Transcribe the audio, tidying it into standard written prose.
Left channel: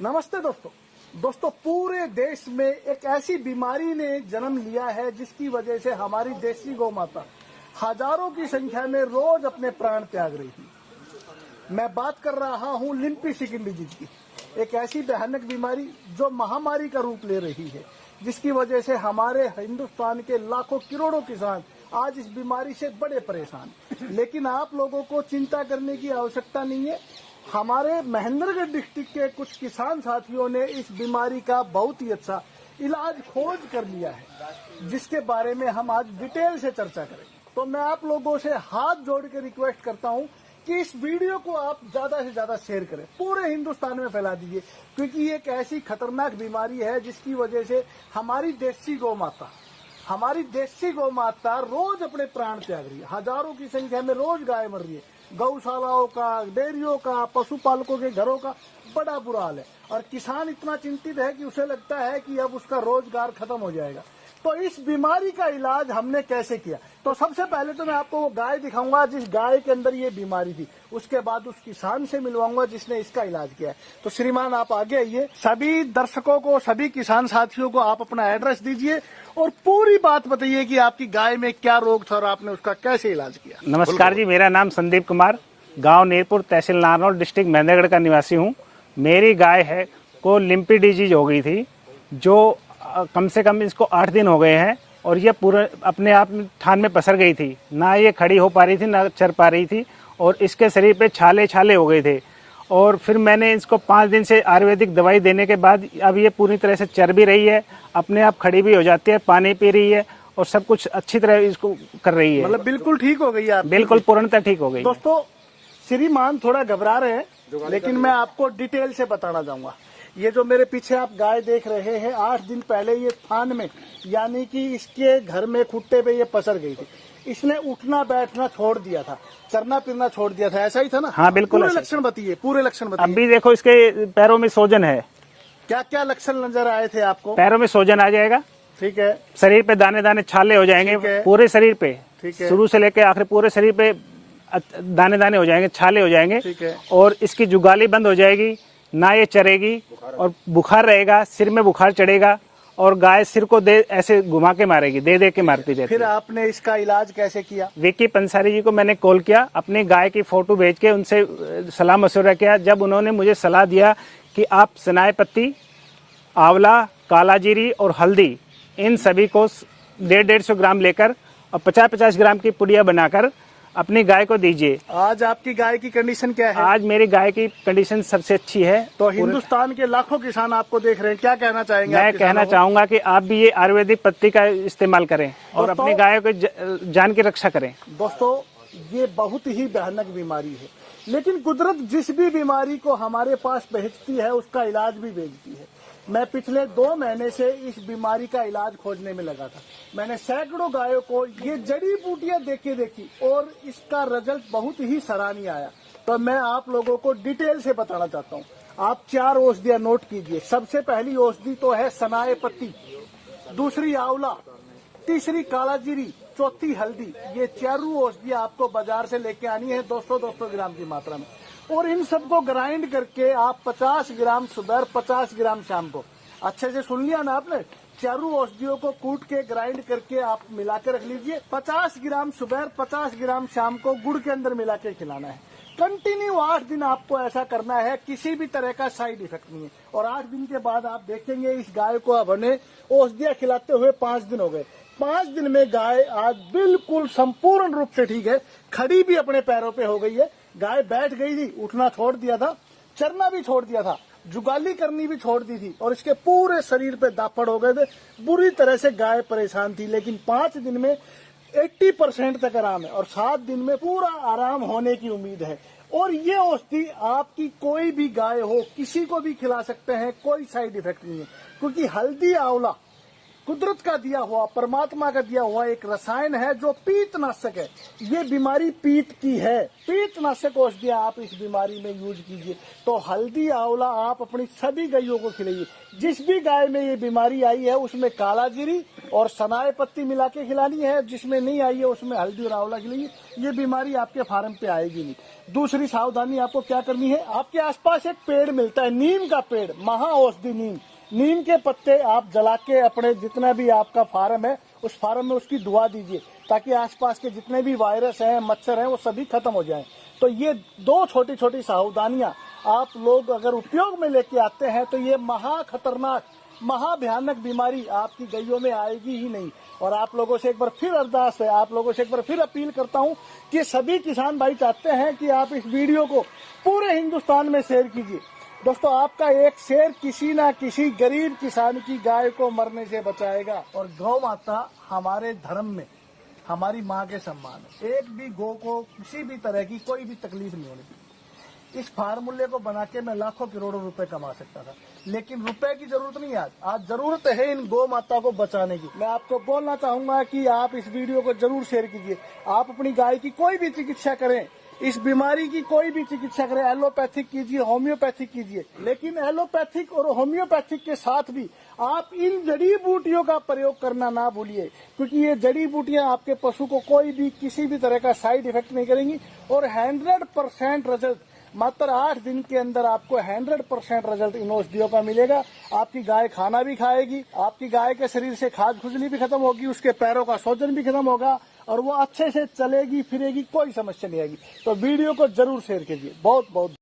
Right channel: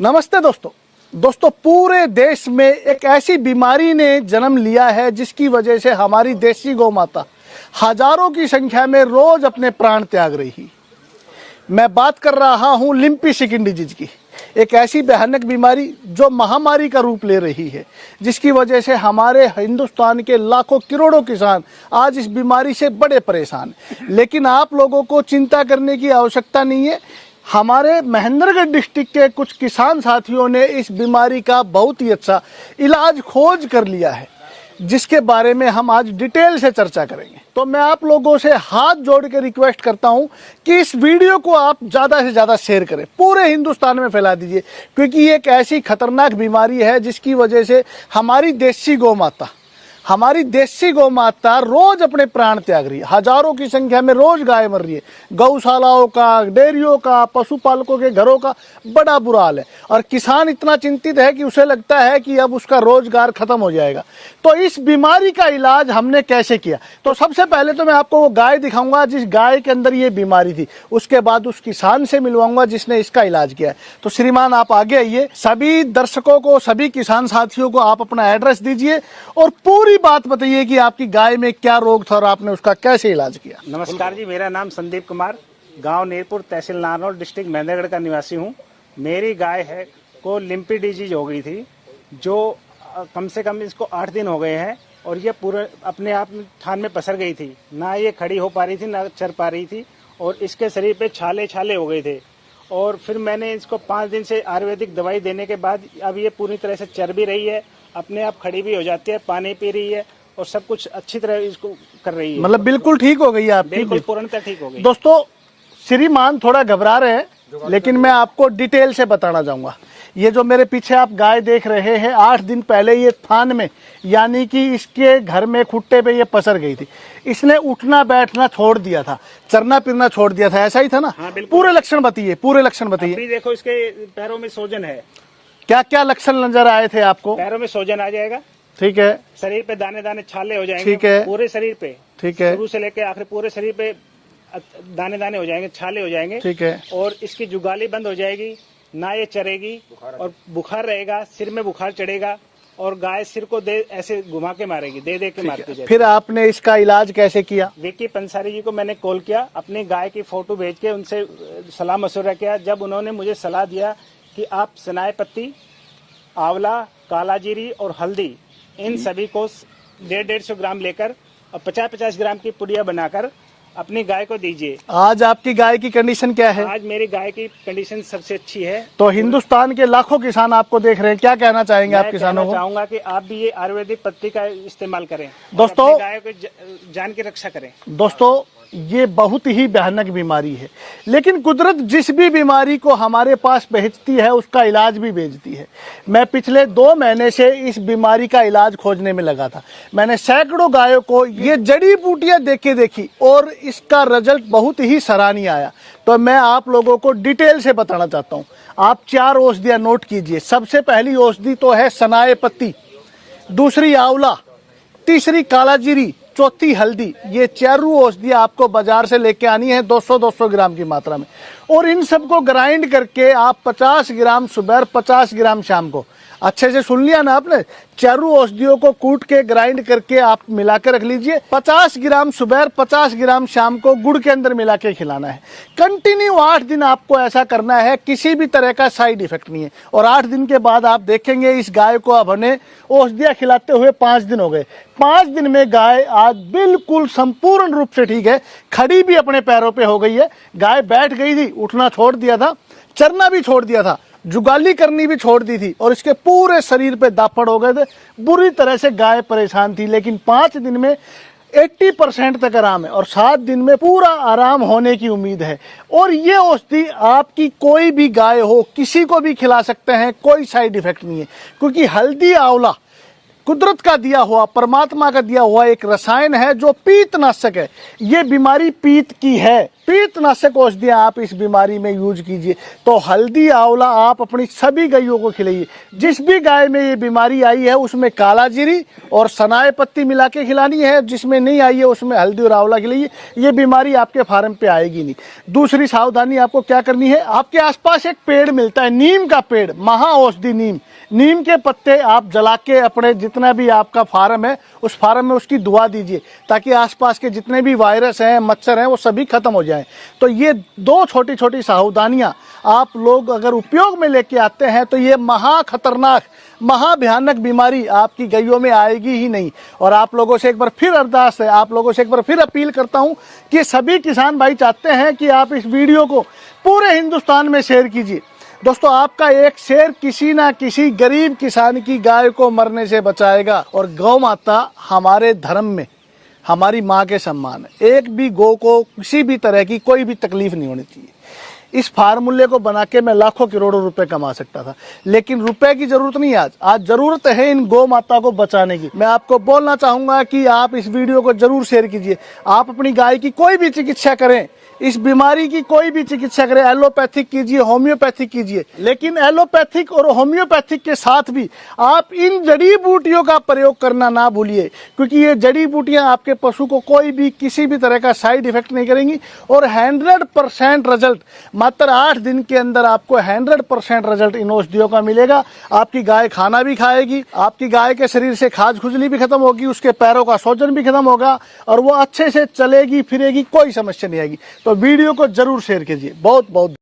नमस्ते दोस्तों पूरे देश में एक ऐसी बीमारी ने जन्म लिया है जिसकी वजह से हमारी देसी गौ माता हजारों की संख्या में रोज अपने प्राण त्याग रही। मैं बात कर रहा हूं लिम्पी स्किन डिजीज की, एक ऐसी भयानक बीमारी जो महामारी का रूप ले रही है, जिसकी वजह से हमारे हिंदुस्तान के लाखों करोड़ों किसान आज इस बीमारी से बड़े परेशान। लेकिन आप लोगों को चिंता करने की आवश्यकता नहीं है। हमारे महेंद्रगढ़ डिस्ट्रिक्ट के कुछ किसान साथियों ने इस बीमारी का बहुत ही अच्छा इलाज खोज कर लिया है, जिसके बारे में हम आज डिटेल से चर्चा करेंगे। तो मैं आप लोगों से हाथ जोड़ के रिक्वेस्ट करता हूं कि इस वीडियो को आप ज़्यादा से ज़्यादा शेयर करें, पूरे हिंदुस्तान में फैला दीजिए, क्योंकि ये एक ऐसी खतरनाक बीमारी है जिसकी वजह से हमारी देसी गौ माता रोज अपने प्राण त्याग रही है। हजारों की संख्या में रोज गाय मर रही है। गौशालाओं का, डेयरियों का, पशुपालकों के घरों का बड़ा बुरा हाल है और किसान इतना चिंतित है कि उसे लगता है कि अब उसका रोजगार खत्म हो जाएगा। तो इस बीमारी का इलाज हमने कैसे किया, तो सबसे पहले तो मैं आपको वो गाय दिखाऊंगा जिस गाय के अंदर ये बीमारी थी, उसके बाद उस किसान से मिलवाऊंगा जिसने इसका इलाज किया है। तो श्रीमान आप आगे आइए। सभी दर्शकों को, सभी किसान साथियों को आप अपना एड्रेस दीजिए और पूरी बात बताइए कि आपकी गाय में क्या रोग था और आपने उसका कैसे इलाज किया। नमस्कार जी, मेरा नाम संदीप कुमार, गांव नीरपुर, तहसील नारनौल, डिस्ट्रिक्ट महेंद्रगढ़ का निवासी हूं। मेरी गाय है को लिम्पी डिजीज हो गई थी, जो कम से कम इसको 8 दिन हो गए हैं और ये पूरे अपने आप थान में पसर गई थी। ना ये खड़ी हो पा रही थी, ना चर पा रही थी और इसके शरीर पे छाले हो गए थे। और फिर मैंने इसको 5 दिन से आयुर्वेदिक दवाई देने के बाद अब ये पूरी तरह से चर भी रही है, अपने आप खड़ी भी हो जाती है, पानी पी रही है और सब कुछ अच्छी तरह इसको कर रही है। मतलब बिल्कुल ठीक हो गई आप? बिल्कुल पूर्णतः ठीक हो गई। दोस्तों श्रीमान थोड़ा घबरा रहे हैं, लेकिन मैं आपको डिटेल से बताना चाहूंगा। ये जो मेरे पीछे आप गाय देख रहे हैं, 8 दिन पहले ये थान में, यानी कि इसके घर में खुट्टे पे ये पसर गई थी। इसने उठना बैठना छोड़ दिया था, चरना फिरना छोड़ दिया था, ऐसा ही था ना? हाँ बिल्कुल। पूरे लक्षण बताइए, पूरे लक्षण बताइए। अभी देखो इसके पैरों में सोजन है। क्या क्या लक्षण नजर आए थे आपको? पैरों में सोजन आ जाएगा, ठीक है। शरीर पे दाने दाने छाले हो जाएंगे, ठीक है। पूरे शरीर पे, ठीक है। शुरू से लेकर आखिर पूरे शरीर पे दाने दाने हो जाएंगे, छाले हो जाएंगे, ठीक है। और इसकी जुगाली बंद हो जाएगी, ना ये चरेगी और बुखार रहेगा, सिर में बुखार चढ़ेगा और गाय सिर को ऐसे घुमा के मारेगी, दे के मारती रहती। फिर आपने इसका इलाज कैसे किया? विक्की पंसारी जी को मैंने कॉल किया, अपनी गाय की फोटो भेज के उनसे सलाह मशवरा किया। जब उन्होंने मुझे सलाह दिया कि आप सनाए पत्ती, आंवला, काला जीरी और हल्दी, इन सभी को 150 ग्राम लेकर और 50-50 ग्राम की पुड़िया बनाकर अपनी गाय को दीजिए। आज आपकी गाय की कंडीशन क्या है? आज मेरी गाय की कंडीशन सबसे अच्छी है। तो हिंदुस्तान के लाखों किसान आपको देख रहे हैं, क्या कहना चाहेंगे? मैं कहना चाहूंगा कि आप भी ये आयुर्वेदिक पत्ती का इस्तेमाल करें और दोस्तों, अपनी गायों की जान की रक्षा करें। दोस्तों ये बहुत ही भयानक बीमारी है, लेकिन कुदरत जिस भी बीमारी को हमारे पास भेजती है उसका इलाज भी भेजती है। मैं पिछले 2 महीने से इस बीमारी का इलाज खोजने में लगा था। मैंने सैकड़ों गायों को ये जड़ी बूटियां देखी और इसका रिजल्ट बहुत ही सराहनीय आया। तो मैं आप लोगों को डिटेल से बताना चाहता हूँ। आप 4 औषधियां नोट कीजिए। सबसे पहली औषधि तो है सनाए पत्ती, दूसरी आंवला, तीसरी काला जीरी, चौथी हल्दी। ये 4 औषधियां आपको बाजार से लेके आनी है 200-200 ग्राम की मात्रा में, और इन सबको ग्राइंड करके आप 50 ग्राम सुबह, 50 ग्राम शाम को, अच्छे से सुन लिया ना आपने? 4 औषधियों को कूट के ग्राइंड करके आप मिला के रख लीजिए। 50 ग्राम सुबह, 50 ग्राम शाम को गुड़ के अंदर मिला के खिलाना है। कंटिन्यू 8 दिन आपको ऐसा करना है, किसी भी तरह का साइड इफेक्ट नहीं है। और 8 दिन के बाद आप देखेंगे इस गाय को अब हमने औषधियां खिलाते हुए 5 दिन हो गए। 5 दिन में गाय आज बिल्कुल संपूर्ण रूप से ठीक है, खड़ी भी अपने पैरों पे हो गई है। गाय बैठ गई थी, उठना छोड़ दिया था, चरना भी छोड़ दिया था, जुगाली करनी भी छोड़ दी थी और इसके पूरे शरीर पे दापड़ हो गए थे। बुरी तरह से गाय परेशान थी, लेकिन 5 दिन में 80% तक आराम है और 7 दिन में पूरा आराम होने की उम्मीद है। और ये औषधि आपकी कोई भी गाय हो, किसी को भी खिला सकते हैं, कोई साइड इफेक्ट नहीं है, क्योंकि हल्दी, आंवला कुदरत का दिया हुआ, परमात्मा का दिया हुआ एक रसायन है जो पीतनाशक है। ये बीमारी पीत की है, पीतनाशक औषधियां आप इस बीमारी में यूज कीजिए। तो हल्दी आंवला आप अपनी सभी गायों को खिलाइए। जिस भी गाय में ये बीमारी आई है उसमें काला जीरी और सनाए पत्ती मिला के खिलानी है, जिसमें नहीं आई है उसमें हल्दी और आंवला खिलाइए। ये बीमारी आपके फार्म पे आएगी नहीं। दूसरी सावधानी आपको क्या करनी है, आपके आसपास एक पेड़ मिलता है, नीम का पेड़, महा औषधि नीम। नीम के पत्ते आप जला के अपने जितना भी आपका फार्म है उस फार्म में उसकी दुआ दीजिए, ताकि आसपास के जितने भी वायरस हैं, मच्छर हैं, वो सभी खत्म हो जाएं। तो ये दो छोटी छोटी सावधानियां आप लोग अगर उपयोग में लेके आते हैं तो ये महा खतरनाक, महा भयानक बीमारी आपकी गायों में आएगी ही नहीं। और आप लोगों से एक बार फिर अरदास है, आप लोगों से एक बार फिर अपील करता हूं कि सभी किसान भाई चाहते हैं कि आप इस वीडियो को पूरे हिंदुस्तान में शेयर कीजिए। दोस्तों, आपका एक शेयर किसी ना किसी गरीब किसान की गाय को मरने से बचाएगा। और गौ माता हमारे धर्म में हमारी माँ के सम्मान है। एक भी गौ को किसी भी तरह की कोई भी तकलीफ नहीं होनी चाहिए। इस फार्मूले को बना के मैं लाखों करोड़ों रुपए कमा सकता था, लेकिन रुपए की जरूरत नहीं है। आज जरूरत है इन गौ माता को बचाने की। मैं आपको बोलना चाहूंगा कि आप इस वीडियो को जरूर शेयर कीजिए। आप अपनी गाय की कोई भी चिकित्सा करें, इस बीमारी की कोई भी चिकित्सा करें, एलोपैथिक कीजिए, होम्योपैथिक कीजिए, लेकिन एलोपैथिक और होम्योपैथिक के साथ भी आप इन जड़ी बूटियों का प्रयोग करना ना भूलिए, क्योंकि ये जड़ी बूटियां आपके पशु को कोई भी किसी भी तरह का साइड इफेक्ट नहीं करेंगी। और 100% रिजल्ट, मात्र 8 दिन के अंदर आपको 100% रिजल्ट इन औषधियों का मिलेगा। आपकी गाय खाना भी खाएगी, आपकी गाय के शरीर से खाज खुजली भी खत्म होगी, उसके पैरों का सोजन भी खत्म होगा और वो अच्छे से चलेगी फिरेगी, कोई समस्या नहीं आएगी। तो वीडियो को जरूर शेयर कीजिए। बहुत बहुत